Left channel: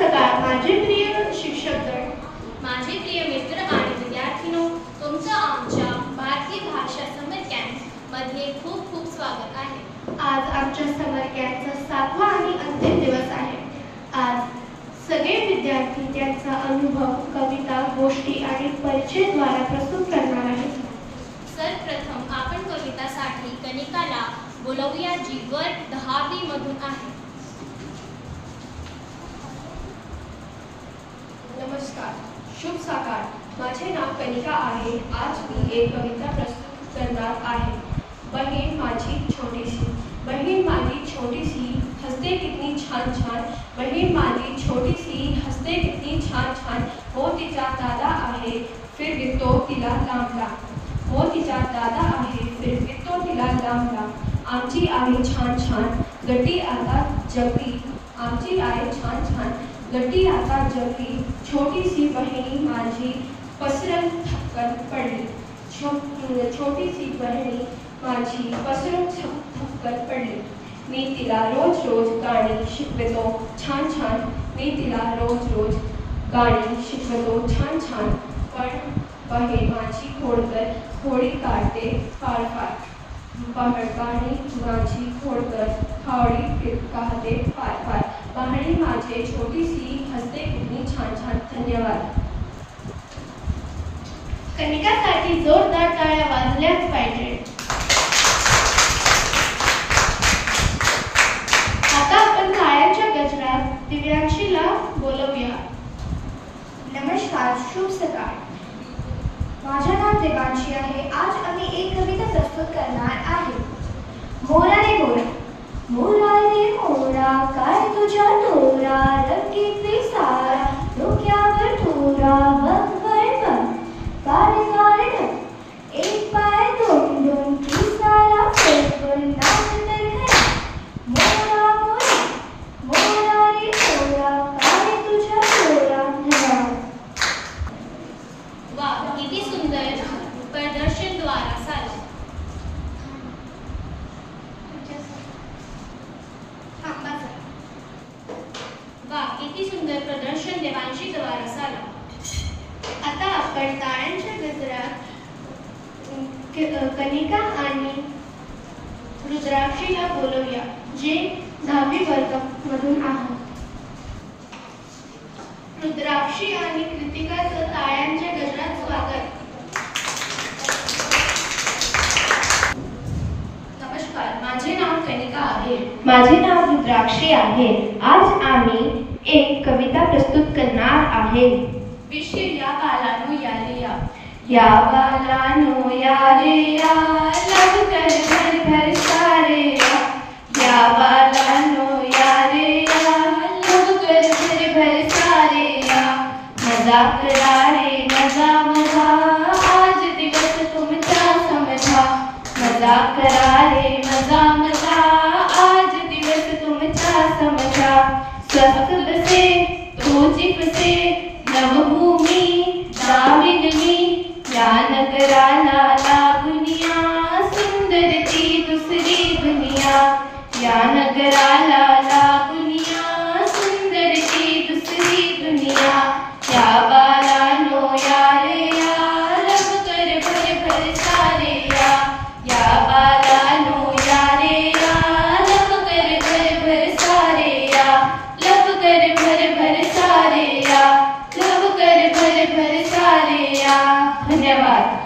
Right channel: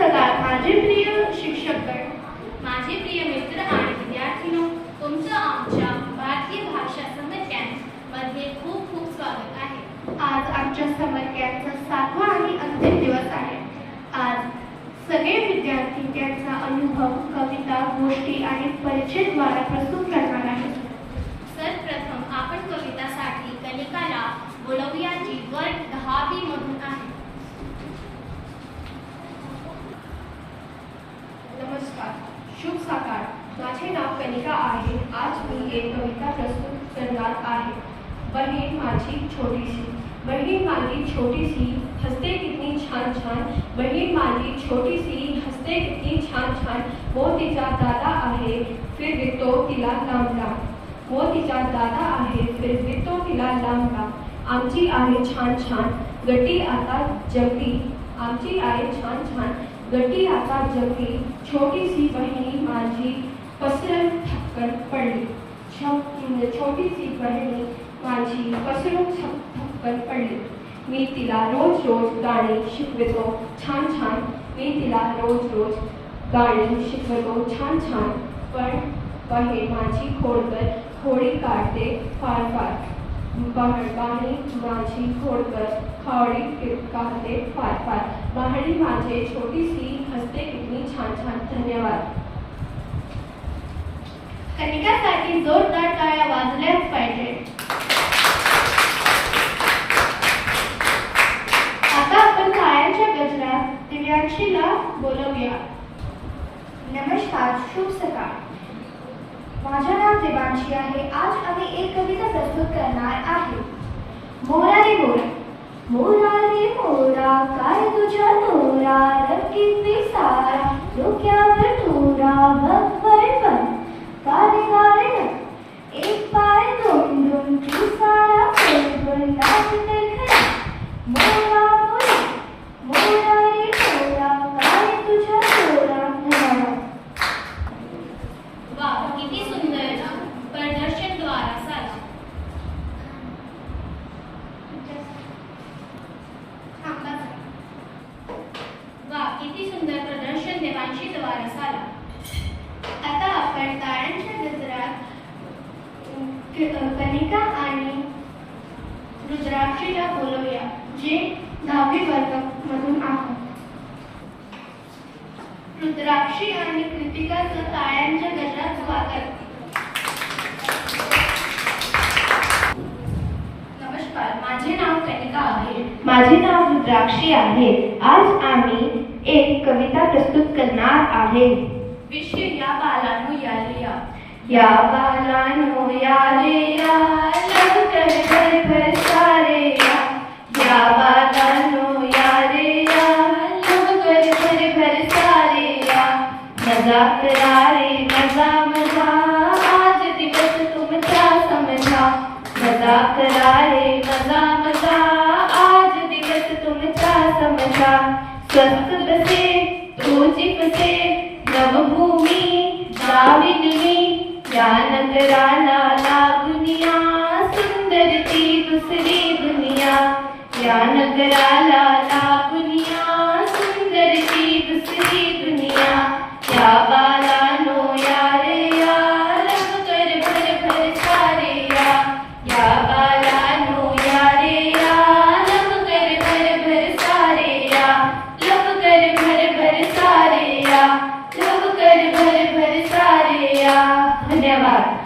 सकाळ माझे प्रिय शिक्षकगण, माझे प्रिय मित्र आणि विद्यार्थीनो, तुमचं आमच्या भारतीय भाषा समर कॅम्प मध्ये खूप खूप स्वागत आहे. आज आमच्या समर कॅम्पचा 7वा आणि अंतिम दिवस आहे. आज सगळे विद्यार्थी त्यांचा अनुभव, कविता, गोष्टी आणि परिचयद्वारे प्रस्तुत करणार आहेत. सर्वप्रथम आपण कवितासाठी कनिकाला बोलवूया, जी वर्ग 10वी मधून आहे. नमस्कार, शुभ सकाळ. माझे नाव कनिका आहे. आज मी एक कविता प्रस्तुत करणार आहे. बहीण माझी छोटीसी. बहीण माझी छोटीसी हसते कितनी छान छान. बहीण माझी छोटीसी हसते कितनी छान छान. मोतीचा दादा आहे, फिरवितो तिला लांब लांब. मोतीचा दादा आहे, फिरवितो तिला लांब लांब. आमची आहे छान छान, गटी आता जगली. आमची आहे छान छान, गटी आता जगली. छोटीसी बहीण माझी पसरत थपकन पडली. छोटीसी बहिणी माझी पसरत थपकन पडली. मी तिला रोज रोज गाणी शिकवतो छान छान. मी तिला रोज रोज गाणी शिकवतो छान छान. पण बहीण माझी खोडकर खोडी काढते फार फार. गाणी माझी खोडकर खोडी काढते फार फार. बहिणी माझे छोटीसी हसते कितनी छान छान. धन्यवाद. कनिकासाठी जोरदार टाळ्या वाजल्याच पाहिजे. आता आपण टाळ्यांच्या गजरात दिव्यांशीला बोलवूया. नमस्कार, शुभ सकाळ. माझे नाव देवांशी आहे. आज आम्ही एक कविता प्रस्तुत करणार आहे. मोरा रे मोरा, मोरा रे मोरा, काय तुझ्या तोरा, रंगी पिसारा, डोक्यावर तोरा, बघ वर बघ, कारे कारे ढग, एक पाय दोन दोन, पिसारा बरोबर लावून खरा. मोरा मोरा, मोरा रे मोरा, काय तुझ्या तोरा. धन्यवाद. वा, किती सुंदर प्रदर्शन द्वारा झालं. वा, किती सुंदर प्रदर्शन देवांशी द्वारे झालं. आता आपण टाळ्यांच्या गजरात कनिका आणि रुद्राक्षीला बोलवूया, जे 10वी वर्ग मधून आहेत. रुद्राक्षी आणि कृतिकाचं टाळ्यांच्या गजरात स्वागत. नमस्कार, माझे नाव कनिका आहे. माझे नाव रुद्राक्षी आहे. आज आम्ही एक कविता प्रस्तुत करणार आहे. विषय या बालानो या रे या. या बालानो या रे या, लब कर भर भर सारे या. या बालानो या रे या, लब कर भर भर सारे या. मजा करा रे मजा मजा, आज दिवस तुमचा समजा. मजा करा रे मजा मजा, आज दिवस तुमचा समजा. स्वस्थ बसे तोची बसे, नवभूमी दाविदनी. या नगराला लागुनिया, सुंदर ती दुसरी दुनिया. या नगराला लागुनिया, सुंदर ती दुसरी दुनिया. या बालानो या रे या, लब कर भर भर सारे या. या बालानो या रे या, लब कर भर भर सारे या. लब कर भर भर सारे या. लब कर भर भर सारे या. धन्यवाद.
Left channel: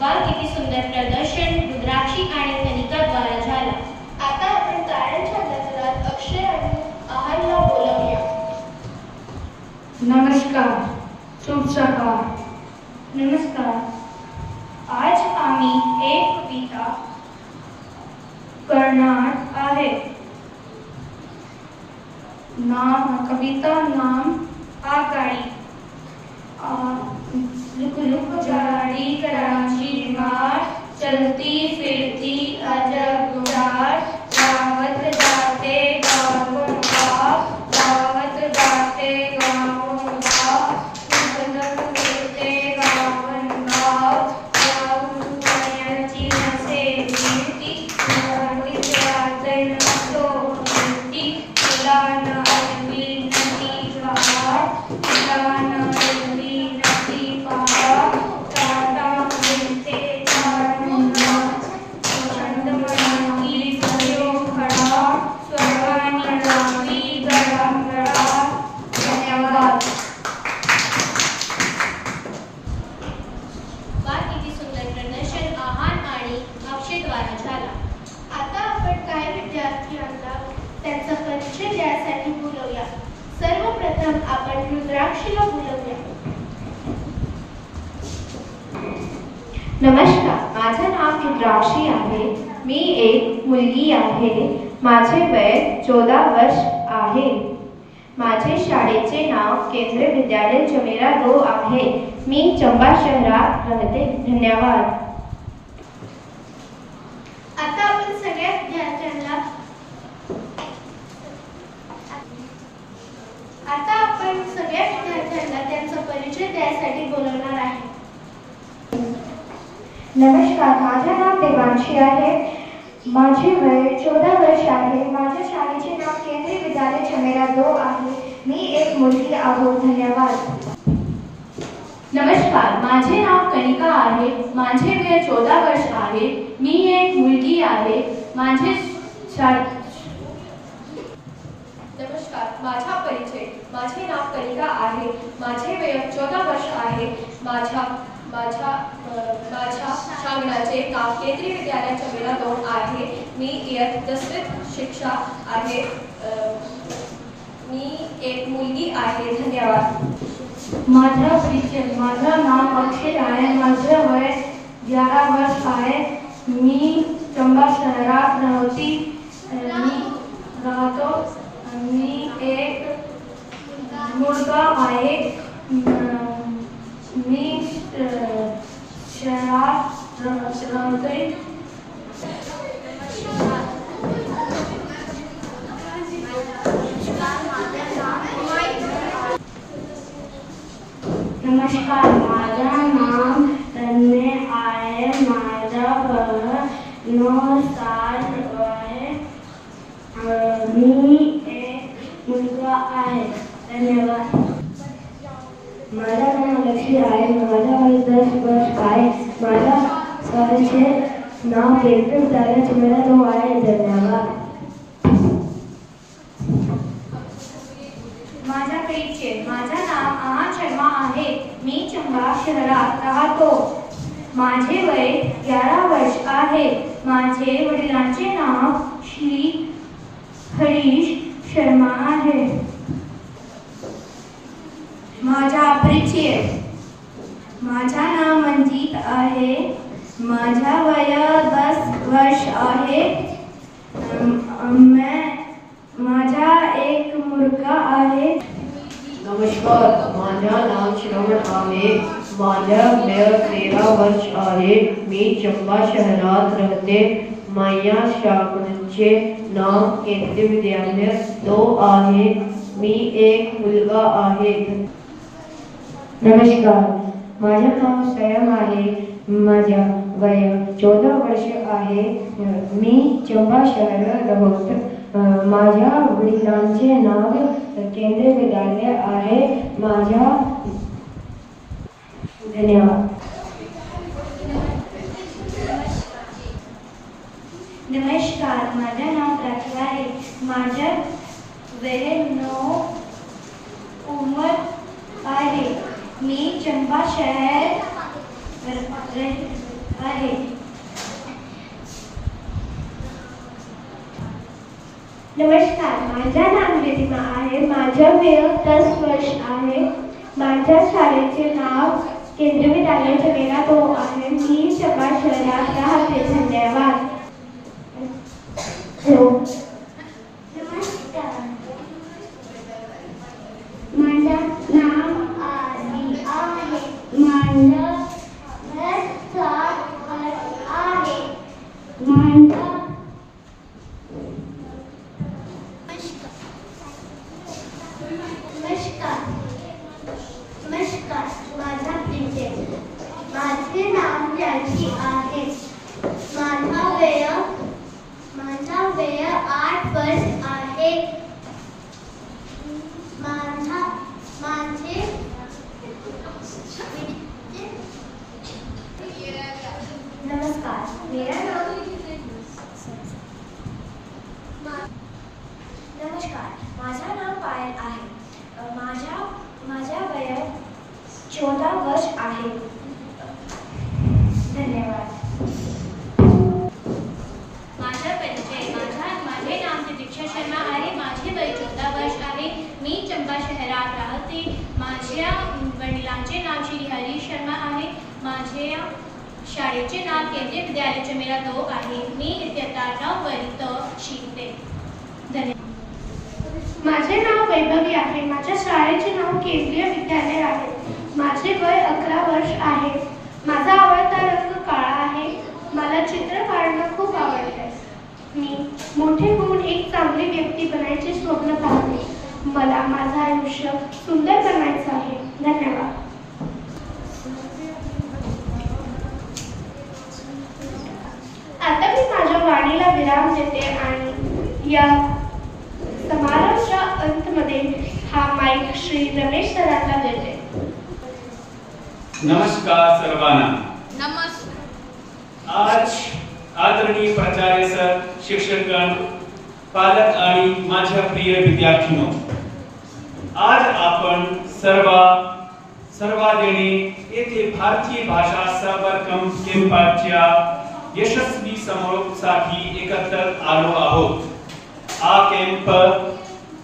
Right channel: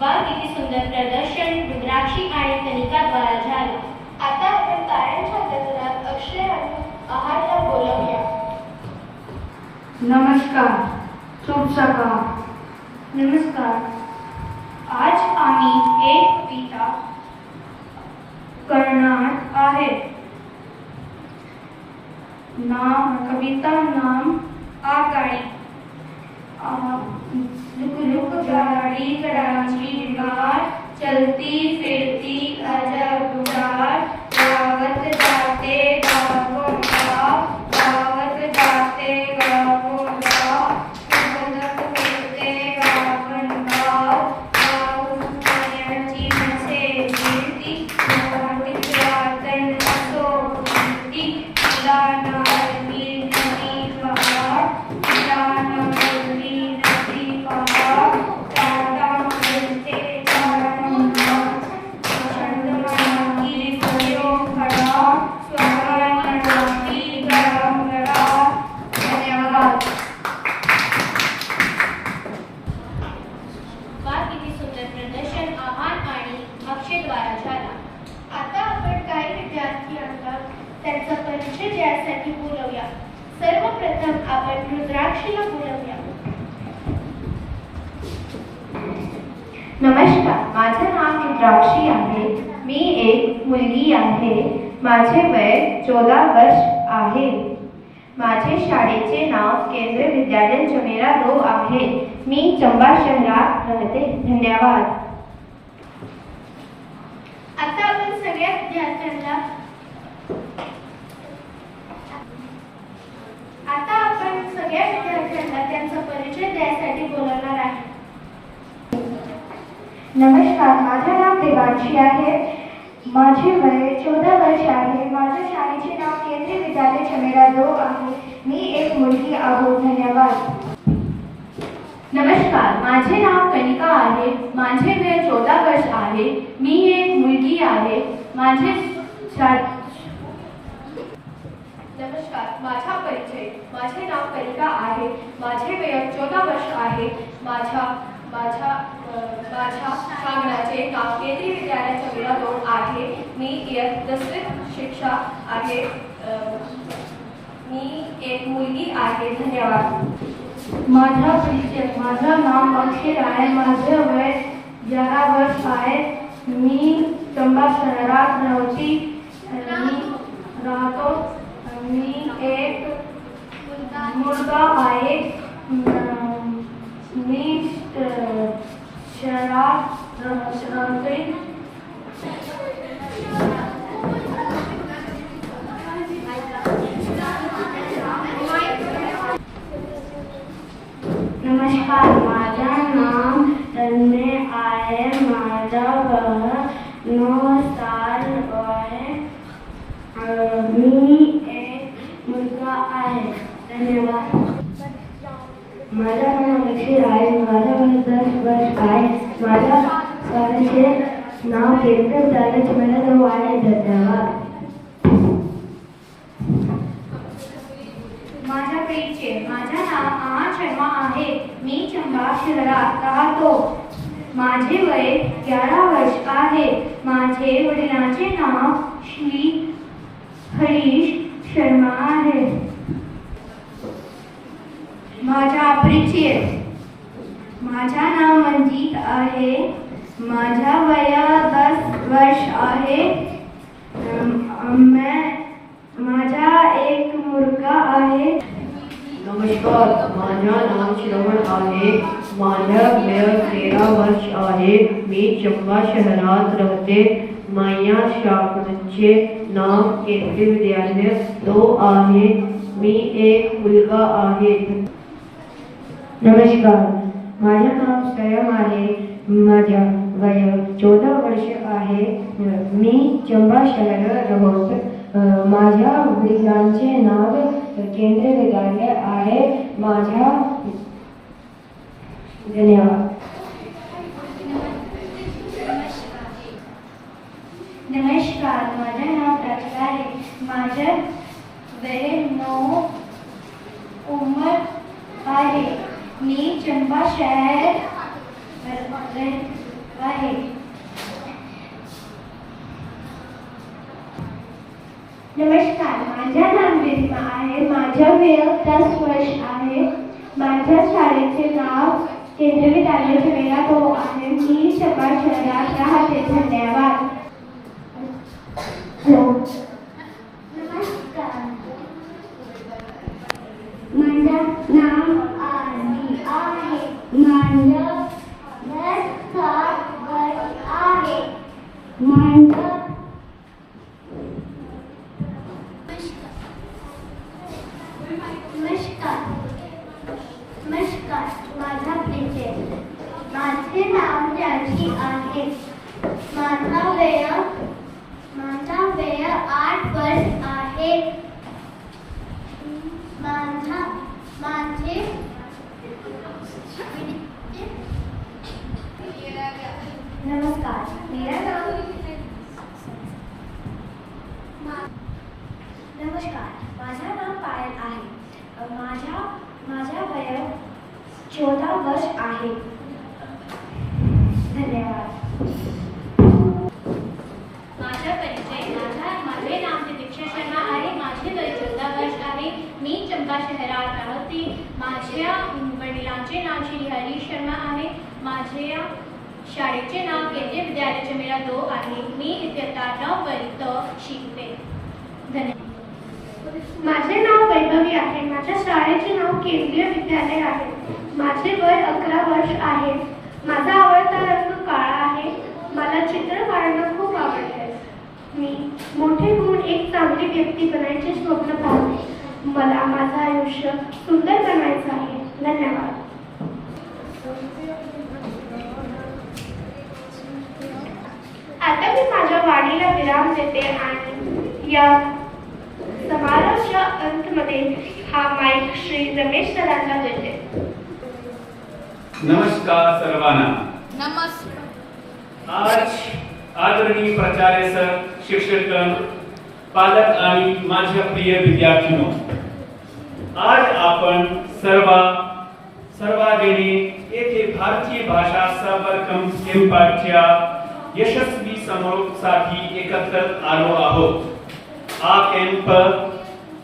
वा, किती सुंदर प्रदर्शन रुद्राक्षी आणि कनिकाद्वारा झालं. आता आपण टाळ्यांच्या गजरात अक्षय आणि आहारला बोलवूया. नमस्कार, शुभ सकाळ. नमस्कार. आज आम्ही एक कविता करणार आहे. कविता नाम आगगाडी. लुक लुक गाड़ी कराची घाट, चलती फिरती अजब घाट. गावत जाते गावों गाव, गावत जाते गावों गाव. बदक फिरते गावन गाव, गावून पाण्याची मसे गिरती. गाडीत रातन असो गिरती. जाना अरबी नदी पहाड़, जाना अरबी नदी पहाड़, टाटा मिलते चारंगा, चंद्रमा की नदियों खड़ा, स्वर्गाने राती गडा. धन्यवाद. वा किती सुंदर प्रदर्शन आहान आणि अक्षयद्वारा झाला. आता आपण काही विद्यार्थ्यांना त्यांचा परिचय द्यायसाठी बोलवूया. सर्वप्रथम आपण रुद्राक्षीला बोलवूया. नमस्कार, माझे नाव रुद्राक्षी आहे. मी एक मुलगी आहे. माझे वय 14 वर्ष आहे. माझे शाळेचे नाव केंद्रीय विद्यालय जमेरा 2 आहे. मी चंबा शहरात राहते. धन्यवाद. आता आपण सगळ्या विद्यार्थ्यांना त्यांचा परिचय द्यायसाठी बोलवणार आहे. नमस्कार, माझे नाव देवांशी आहे. माझे वय 14 वर्ष आहे. माझ्या शाळेचे नाव केंद्रीय विद्यालय जमेरा 2 आहे. मी एक मुलगी आहे. धन्यवाद. नमस्कार, माझे नाव कनिका आहे. माझे वय 14 वर्ष आहे. मी एक मुलगी आहे. नमस्कार, माझा परिचय. माझे नाव कनिका आहे. माझे वय 14 वर्ष आहे. माझ्या शाळेचे नाव केंद्रीय विद्यालय जमेरा 2 आहे. मी इयत्ता 10वीत शिक्षा आहे. मी एक मुलगी आहे. धन्यवाद. माझा परिचय. माझं नाव अक्षय आहे. माझं वय 11 वर्ष आहे. मी चंबा शहरात राहतो. मी एक मुलगा आहे. मी शहरात राहते. नमस्कार, माझं नाव तन्मय आहे. माझा वय 9 साल आहे. मी एक मुलगा आहे. धन्यवाद. माझं नाव लक्ष्मी आहे. माझा वय 10 वर्ष आहे. माझ्या शाळेचे नाव केंद्रीय विद्यालय जमेरा 2 आहे. धन्यवाद. माझा परिचय. माझं नाव आहान शर्मा आहे. मी चंबा शहरात राहतो. माझे वय 11 वर्ष आहे. माझे वडिलांचे नाव श्री हरीश शर्मा आहे. माझा परिचय. माझा नाव मंजित आहे. माझा वय 10 वर्ष आहे. माझा एक मुलगा आहे. नमस्कार, माझं नाव श्रवण आहे. माझं वय 13 वर्ष आहे. मी चंबा शहरात राहते. माझ्या शाळेचे नाव केंद्रीय विद्यालय 2 आहे. मी एक मुलगा आहे. नमस्कार, माझे नाव स्वयं आहे. माझा वय 14 वर्ष आहे. मी चंबा शहर राहतो. माझ्या वडिलांचे नाव केंद्रीय विद्यालय आहे. माझा धन्यवाद. नमस्कार, माझं नाव प्राची आहे. माझं वय 9 उमर आहे. मी चंबा शहर आहे. नमस्कार, माझं नाव रिधिमा आहे. माझं वय 10 वर्ष आहे. माझ्या शाळेचे नाव केंद्रीय विद्यालय जमेरा 2 आहे. मी चंबा शहरात राहते. धन्यवाद. नमस्कार, माझं नाव आरती आहे. माझं वय 7 वर्ष आहे. नमस्कार, माझा परिचय. माझे नाव जानकी आहे. माझा वय 8 विद्यालयात आहे. माझ्या वयात 14 वर्ष आहे. धन्यवाद. माझा परिचय माझे नाव प्रतीक्षा शर्मा आहे. माझे वय 14 वर्ष आहे. मी चंबा शहरात राहते. माझ्या वडिलांचे नाव श्री हरी शर्मा आहे. माझ्या शाळेचे नाव केंद्रीय विद्यालय चमेरा 2 आहे. मी इयत्ता 9 वर्गात शिकते. धन्यवाद. माझे नाव वैभवी आहे. माझ्या शाळेचे नाव केंद्रीय विद्यालय आहे. माझे वय 11 वर्ष आहे. माझा आवडता रंग काळा आहे. मला चित्र काढणं खूप आवडते. मी मोठे होऊन एक चांगली व्यक्ती बनायचे स्वप्न पाहते. मला माझं आयुष्य सुंदर बनायचं आहे. धन्यवाद. आता मी माझ्या वाणीला विराम देते आणि या समारोहाच्या अंतमध्ये हा माईक श्री रमेश सरांना देते. नमस्कार सर्वांना. नमस्कार. आज आदरणीय प्राचार्य सर, शिक्षकगण, पालक आणि माझ्या प्रिय विद्यार्थ्यांनो, आज आपण सर्वांनी येथे भारतीय भाषा संवर्धन कॅम्पच्या यशस्वी समारोहासाठी एकत्र आलो आहोत. हा कॅम्प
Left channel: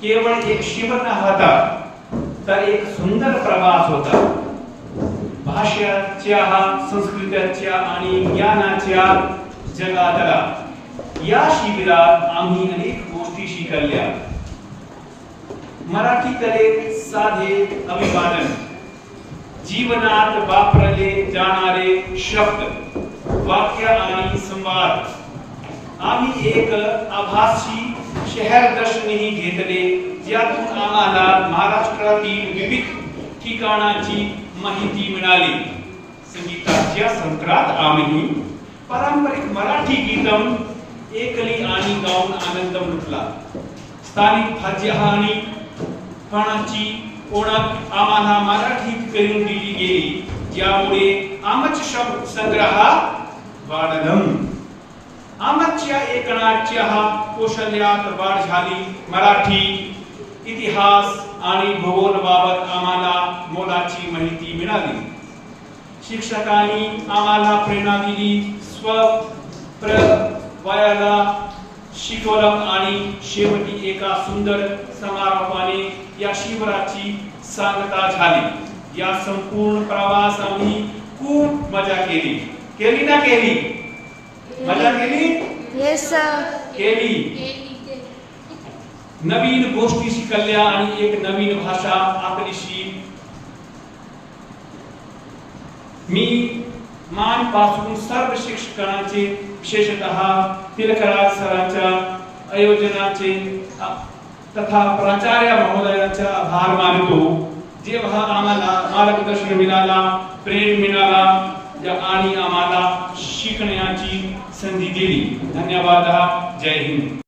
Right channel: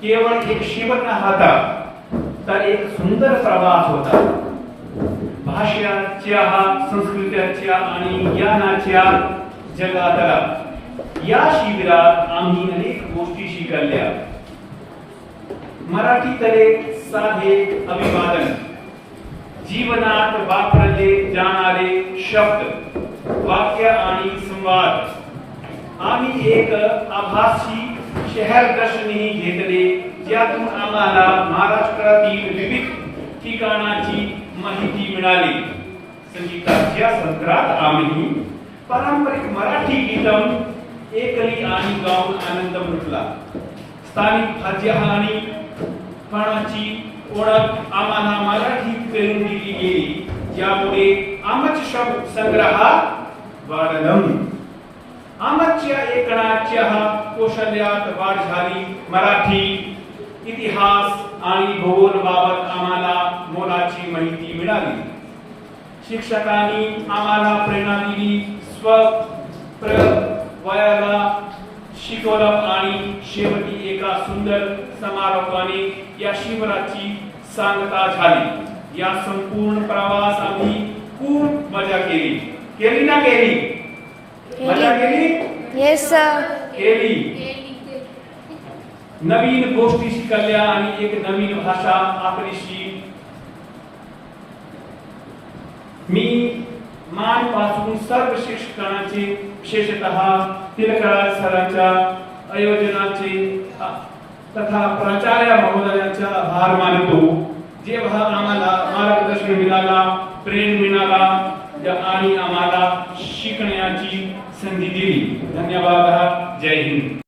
केवळ एक शिबिर नव्हता, तर एक सुंदर प्रवास होता. भाषेच्या, संस्कृतीच्या आणि ज्ञानाच्या जगातला या शिबिरात आम्ही अनेक गोष्टी शिकल्या. मराठीकडे साधे अभिवादन, जीवनात वापरले जाणारे शब्द, वाक्य आणि संवाद. आम्ही एक आभासी शहर दर्शनही घेतले, ज्यातून आम्हाला महाराष्ट्रातील विविध ठिकाणाची माहिती मिळाली. संगीताच्या संदर्भात आम्ही पारंपरिक मराठी गीतम ऐकली आणि गाऊन आनंद लुटला. स्थानिक भाज्या आणि फळांची ओळख आम्हाला मराठीत करून दिली गेली, ज्यामुळे आमच्या शब्द संग्रहात वाढलं. आमच्या ऐकण्याच्या कौशल्यात वाढ झाली. मराठी इतिहास आणि भूगोलाबाबत आम्हाला मोलाची माहिती मिळाली. शिक्षकांनी आम्हाला प्रेरणा दिली, स्वप्रवायाला शिकवलं आणि शेवटी एका सुंदर समारोहाने या शिबिराची सांगता झाली. या संपूर्ण प्रवास आम्ही खूप मजा केली. केली ना केली? मजा केली? Yes sir. केली. नवीन गोष्टी शिकल्या आणि एक नवीन भाषा आपलीशी. मी मानपासून सर्व शिक्षकांचे, विशेषतः तिलकराज सरांच्या आयोजनाचे तथा प्राचार्य महोदयांचा आभार मानतो, जेव्हा आम्हाला मार्गदर्शन मिळाला, प्रेम मिळाला आणि आम्हाला शिकण्याची संधी दिली. धन्यवाद. जय हिंद.